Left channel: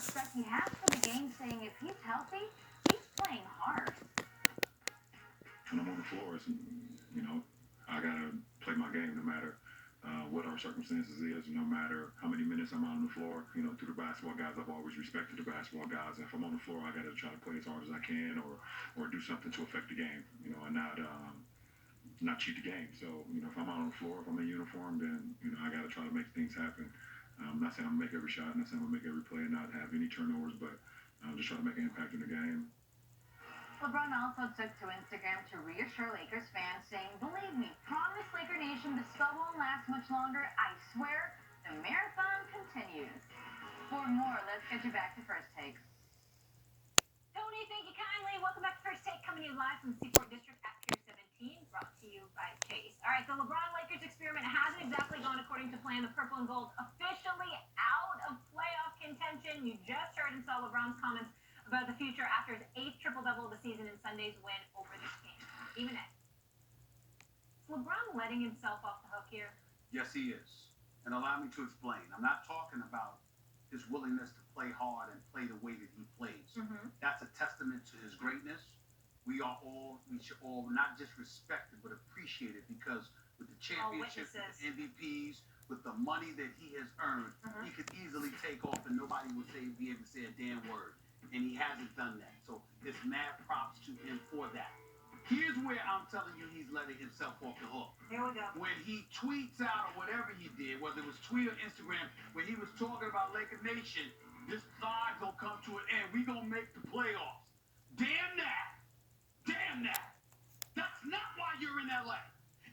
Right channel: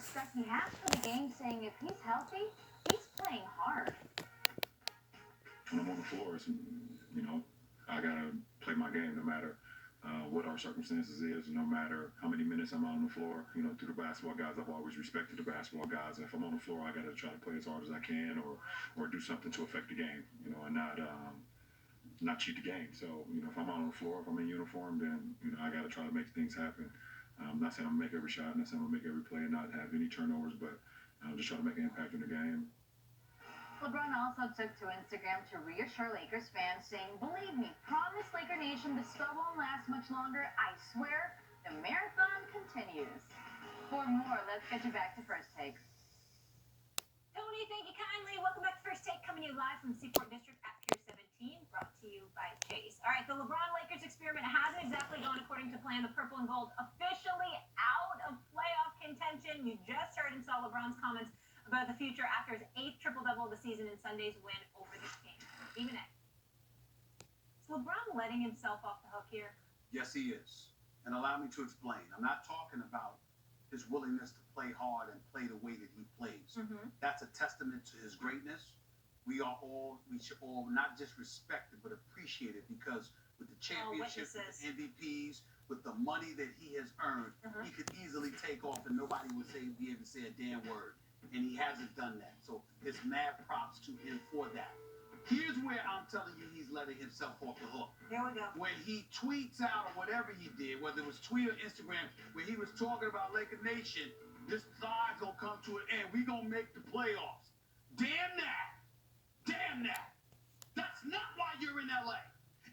respect he has for the game, saying if he's healthy, he's playing hard. When I'm on the floor, I gotta play my game no matter what our circumstances is, no matter how many minutes I'm out on the floor. Through the basketball guys, I've always respected the basketball guys. If I'm on the floor, I gotta try to play as hard as I can, or do something to affect the game, and not cheat the game. So, if I'm out on the floor, if I'm in uniform, then I gotta try to make things happen. I'm not saying I'm gonna make every shot, not saying I'm gonna make every play and not have any turnovers, but just try to make an impact in the game. LeBron also took to Instagram to reassure Lakers fans, saying, "Believe me, promise Laker Nation this spell won't last much longer. I swear, the marathon continues." For more, let's get you back to First Take. Tony, thank you kindly. Welcome back to First Take, coming to you live from the Seaport District at Pier 17, brought to you by Chase. All right, the LeBron Lakers experiment hasn't exactly gone according to plan. The purple and gold officially out of playoff contention. You just heard and saw LeBron's comments about the future after his 8th triple-double of the season and Sunday's win over the Kings. Even it. Is LeBron letting himself off the hook here? Yes, he is. And allow me to explain. I'm not talking about his willingness to play hard and play the way that he plays. That's a testament to his greatness. We should all not just respect it, but appreciate it, because with the championships, with the MVPs, with the money that he has earned, he could easily take off and nobody would be able to say a damn word. And he hasn't done that. So it's mad props to him for that. Here's where I'm telling you he's letting himself off the hook. Here we go. When he tweets out or whatever he did, whether it was tweet or Instagram, when he was talking about Laker Nation, this side gonna come to an end. We gonna make the playoffs. Damn that. Damn that. That's not why you're in LA.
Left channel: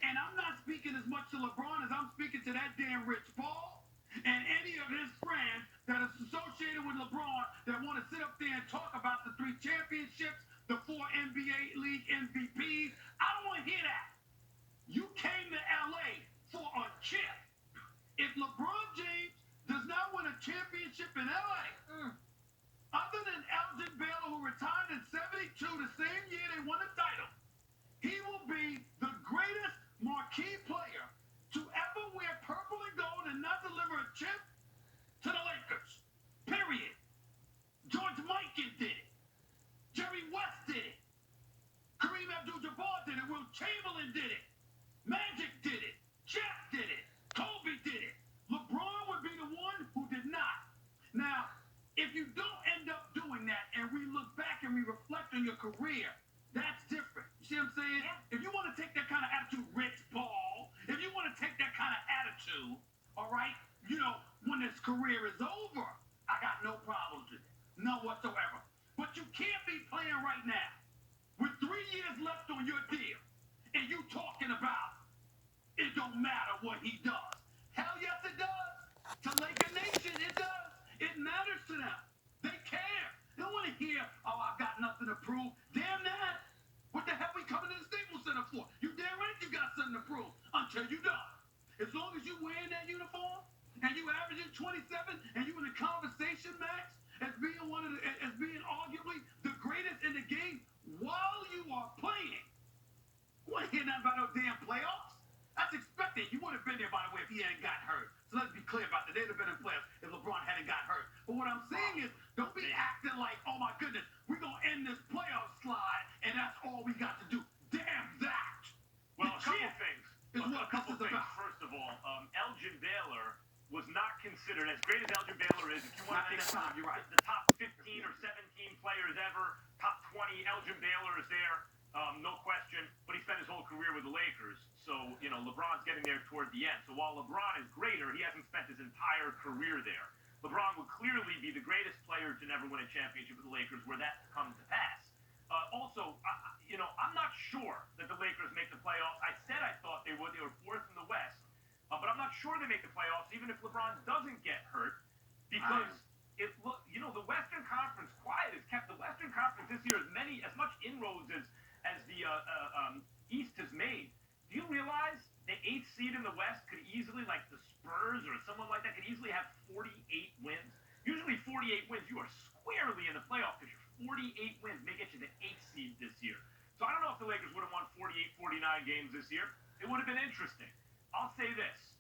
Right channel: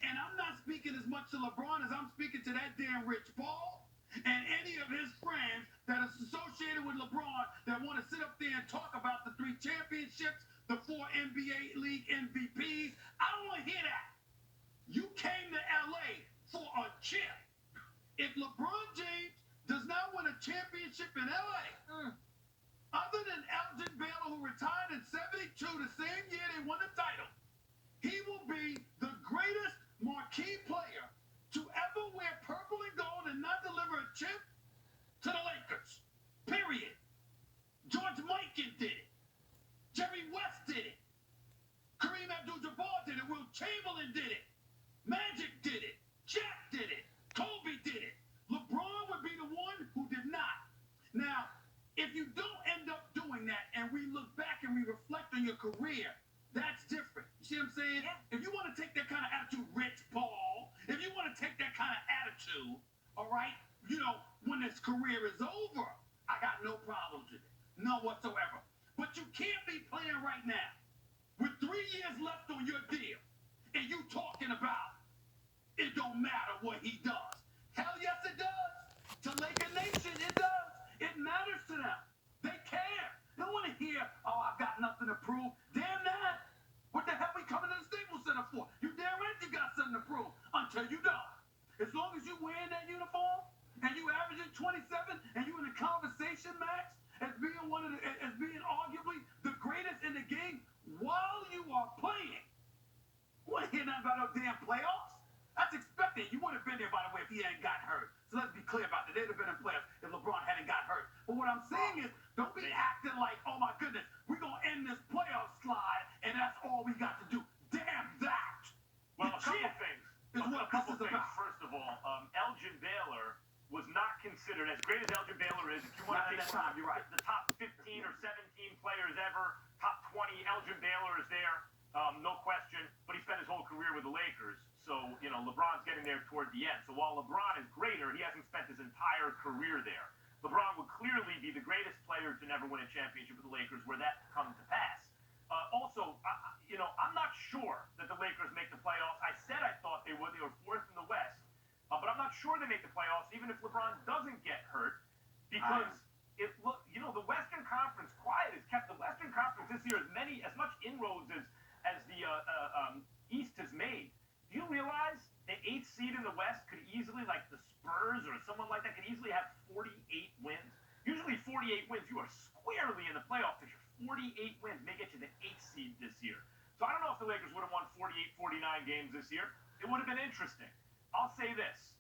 And I'm not speaking as much to LeBron as I'm speaking to that damn Rich Paul and any of his friends that is associated with LeBron that want to sit up there and talk about the 3 championships, the 4 NBA League MVPs. I don't want to hear that. You came to LA for a chip. If LeBron James does not win a championship in LA, other than Elgin Baylor, who retired in 72, the same year they won the title, he will be the greatest marquee player to ever wear purple and gold and not deliver a chip to the Lakers. Period. George Mikan did it. Jerry West did it. Kareem Abdul-Jabbar did it. Wilt Chamberlain did it. Magic did it. Shaq did it. Kobe did it. LeBron would be the one who did not. Now, if you don't end up doing that and we look back and we reflect on your career, that's different. You see what I'm saying? Yeah. If you want to take that kind of attitude, Rich Paul, if you want to take that kind of attitude, all right, when his career is over, I got no problems with it. None whatsoever. But you can't be playing right now with 3 years left on your deal and you talking about it don't matter what he does. Hell yes, it does. To Laker Nation, it does. It matters to them. They care. They don't want to hear, "Oh, I've got nothing to prove." Damn that. What the hell we coming to the Staples Center for? You damn right you got something to prove until you don't. As long as you wearing that uniform and you averaging 27 and you in the conversation, Max, as being arguably the greatest in the game while you are playing. You want to hear nothing about no damn playoffs? That's expected. You would have been there, by the way, if he hadn't got hurt. So let's be clear about that. They'd have been in playoffs if LeBron hadn't got hurt. But what I'm saying is, don't be acting like, "Oh my goodness, we're going to end this playoff slide and that's all we got to do." Damn that. Well, a couple things. First of all, Elgin Baylor was not considered, as great as Elgin Baylor is, if you want to take you're right. the top 15 or 17 players ever, top 20, Elgin Baylor is there, no question, but he spent his whole career with the Lakers, so, LeBron's getting there toward the end. So while LeBron is greater, he hasn't spent his entire career there. LeBron would clearly be the greatest player to never win a championship with the Lakers were that to come to pass. Also, I'm not sure that the Lakers make the playoffs. I said I thought they would. They were 4th in the West. But I'm not sure they make the playoffs, even if LeBron doesn't get hurt, because the Western Conference quiet has kept the Western Conference this year as much inroads as the East has made. Do you realize the 8th seed in the West could easily, like the Spurs or someone like that, could easily have 48 wins? Usually 48 wins, you are squarely in the playoff picture. 48 wins may get you the 8th seed this year. So I don't know if the Lakers would have won 48, 49 games this year. It would have been interesting. I'll say this.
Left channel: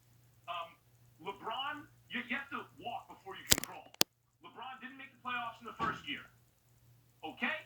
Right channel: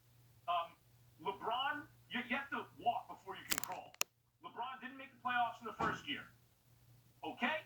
LeBron, you have to walk before you can crawl. LeBron didn't make the playoffs in the first year. Okay?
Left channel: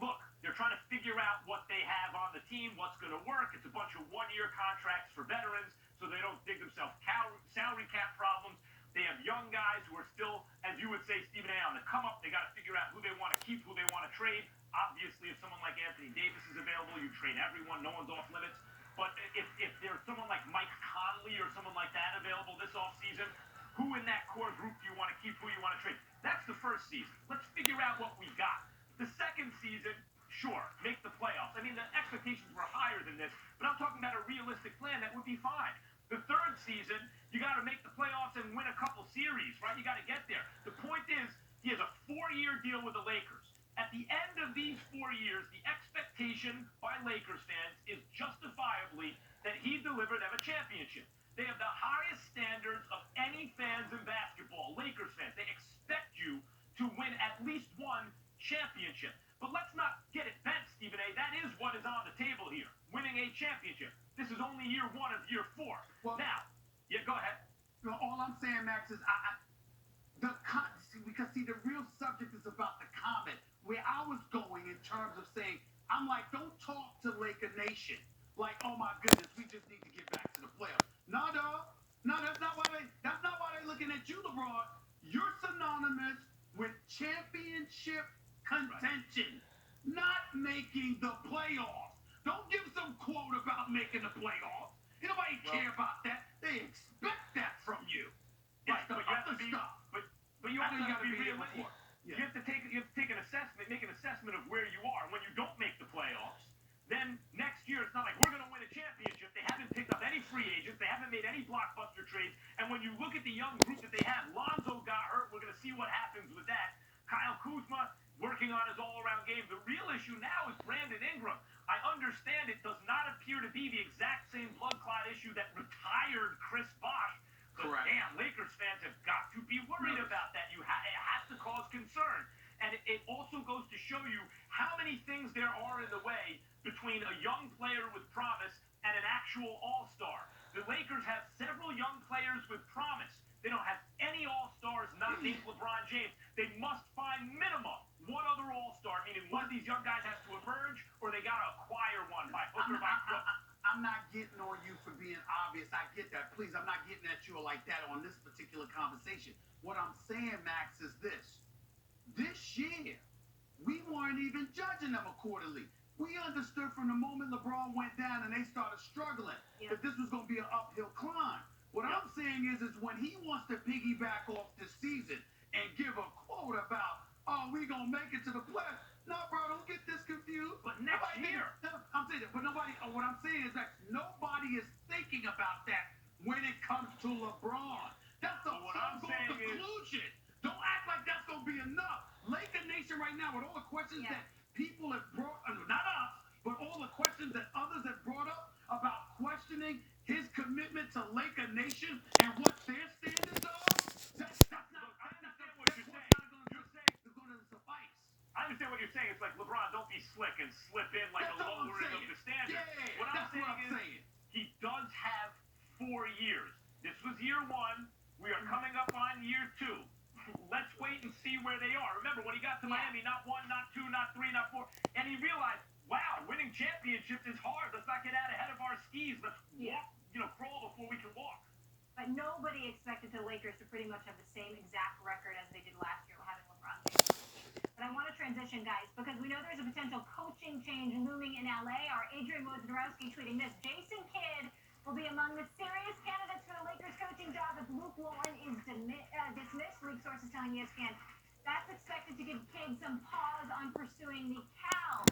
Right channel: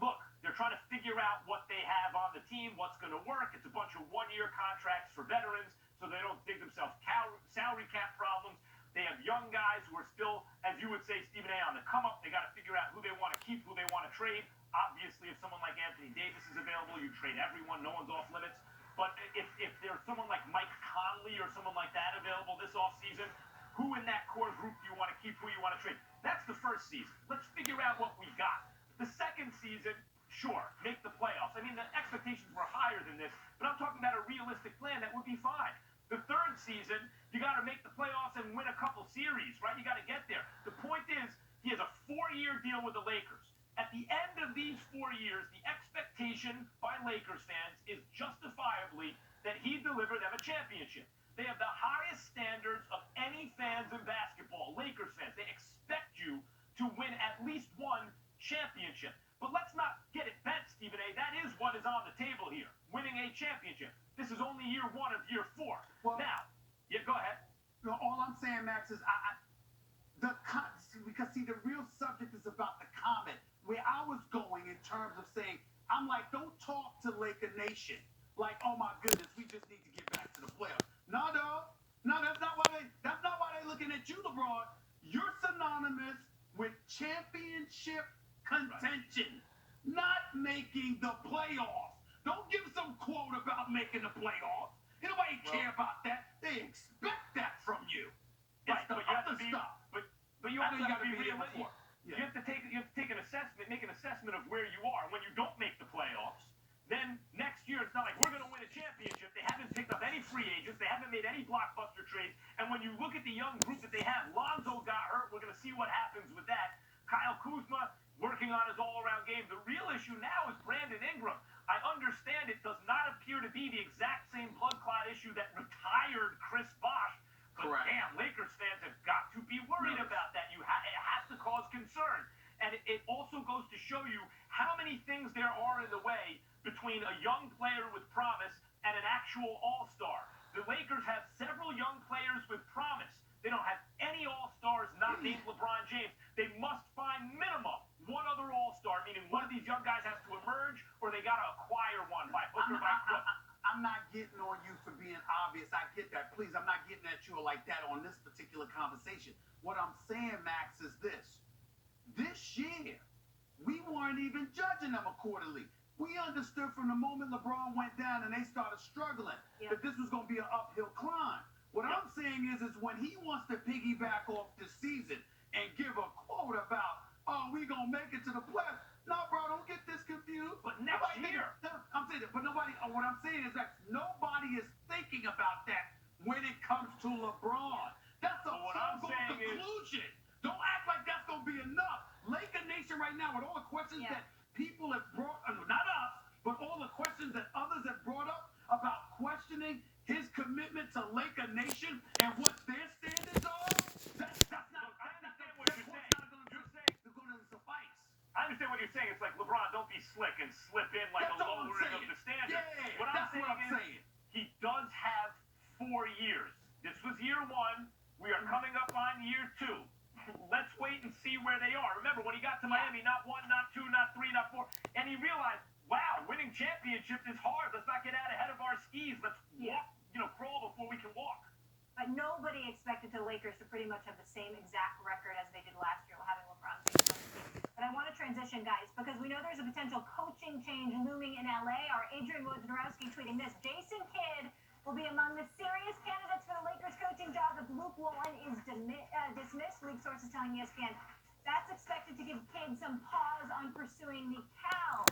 Look, they're trying to figure out what they have on the team, what's going to work. It's a bunch of one-year contracts for veterans so they don't dig themselves salary cap problems. They have young guys who are still, as you would say, Stephen A., on the come up. They got to figure out who they want to keep, who they want to trade. Obviously, if someone like Anthony Davis is available, you trade everyone. No one's off limits. But if there's someone like Mike Conley or someone like that available this offseason, who in that core group do you want to keep, who you want to trade? That's the first season. Let's figure out what we got. The second season, sure, make the playoffs. I mean, the expectations were higher than this, but I'm talking about a realistic plan that would be fine. The third season, you got to make the playoffs and win a couple series, right? You got to get there. The point is, he has a 4-year deal with the Lakers. At the end of these 4 years, the expectation by Lakers fans is justifiably that he deliver them a championship. They have the highest standards of any fans in basketball, Lakers fans. They expect you to win at least one championship. But let's not get it bent, Stephen A. That is what is on the table here, winning a championship. This is only year 1 of year 4. Well, now, yeah, go ahead. All I'm saying, Max, is because the real subject is about the comment. Where I was going in terms of saying, I'm like, don't talk to Laker Nation like, oh my goodness, we just need to get back to the playoffs. No, that's not why they're looking at you, LeBron. You're synonymous with championship contention, not making the playoffs. Don't give some quote about making the playoffs. Nobody care about that. They expect that from you. Like the other stuff. But you also got to be realistic. Yeah. You have to take an assessment, make an assessment of where you are. When you don't make the playoffs, then next year it's not like we're going to win a championship. They haven't picked up any free agents. They haven't made any blockbuster trades. And when you look at the young group that they have, Lonzo got hurt. We're going to see what happens with that. Kyle Kuzma working on his all-around game. The real issue now is Brandon Ingram. I understand it does not appear to be the exact same blood clot issue that retired Chris Bosh. But Correct. damn, Lakers fans have got to be worried about that. It has to cause concern. And it also goes to show you how many things there are in the way between a young player with promise and an actual all-star. The Lakers have several young players with promise. They don't have any all-stars not named LeBron James. They must find minimum one other all-star, meaning one of these young guys has to emerge or they got to acquire one by hook or by crook. I'm not getting on you for being obvious. I get that. Please, I'm not getting at you like that on this particular conversation. What I'm saying, Max, is this. This year, we weren't even judging them accordingly. We understood from the moment LeBron went down and they started struggling that this was going to be an uphill climb. What I'm saying is when he wants to piggyback off this season and give a quote about, oh, we going to make it to the playoffs. No, bro, don't get this confused. But next year. I'm saying that, but what I'm saying is that nobody is thinking about that when it comes to LeBron. That's a foregone conclusion. Don't act like that's going to be enough. Laker Nation right now, with all the questions that people have brought, not us, but all the questions that others have brought up about questioning his commitment to Laker Nation and what their standards are, that's not going to suffice. I understand what you're saying. It's like, LeBron, don't be slick and slip in like a lowering of the standard. Yeah, what I'm saying is, he does have 4 years. This was year 1. We are coming up on year 2. Let's wait and see where they are. Remember, when he got to Miami, not 1, not 2, not 3, not 4, and he realized, wow, winning championships is hard. Let's not get out ahead of our skis. Let's walk, crawl before we can walk. But nobody expected the Lakers to pretty much have the same exact record as they did last year, having LeBron James on the team. But I want to transition, guys, because we know there's a potential coaching change looming in LA. Our Adrian Wojnarowski tweeting this: Jason Kidd will be among the serious candidates for the Lakers coaching job if Luke Walton is dismissed. League sources telling ESPN that's expected to give Kidd some pause on pursuing the Cal